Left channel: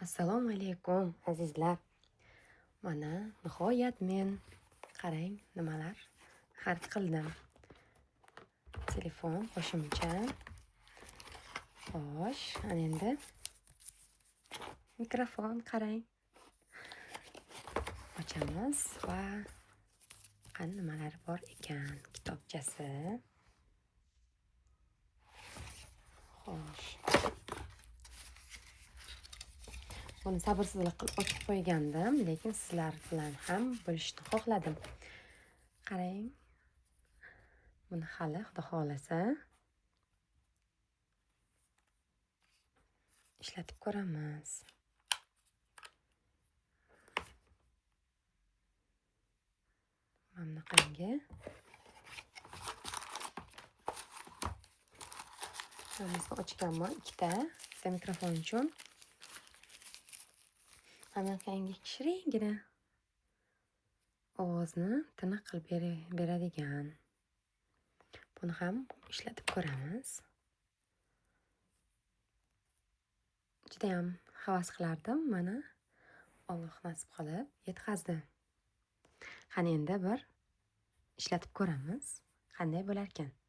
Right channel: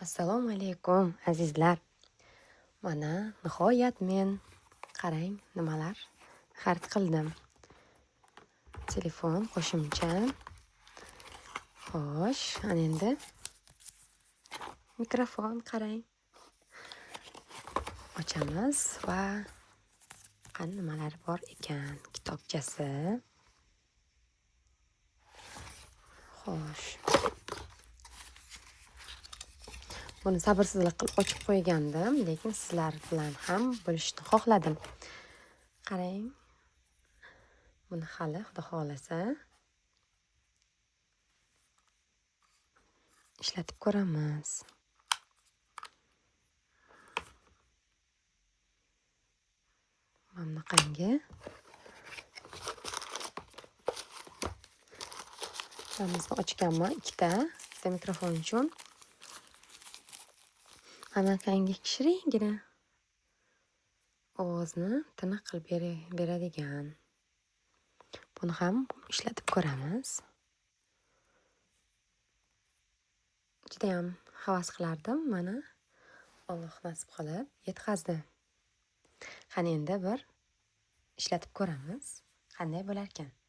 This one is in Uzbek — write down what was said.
Assalomu alaykum azizlar. Mana nihoyat men qarang nimalar xarid qildim. Telefon qo'shimcha. Xo'sh, ana endi mikrofon qarang. Ochamiz va qani nimalar bor ekan? Kitobchasi. Xo'sh. Buni sabrsizlik qilib ochib qo'ygandim, lekin sizlar bilan ham bo'lishni xohladim. Qarang. Buni hali Xudo xolasa ishlatib ko'ramiz. Mana bunaqangi. Bittamisini ochganman, ikkita mikrofon uchun. Anaqangi kishiringina ovozni tiniq qilib beradigan. Buni ham ishlatib ko'ramiz. Juda ham havas qilardim, mana Alloh nasib qilib yetkazdi. Qani endi bir ishlatib ko'ramiz, qanday bo'lar ekan.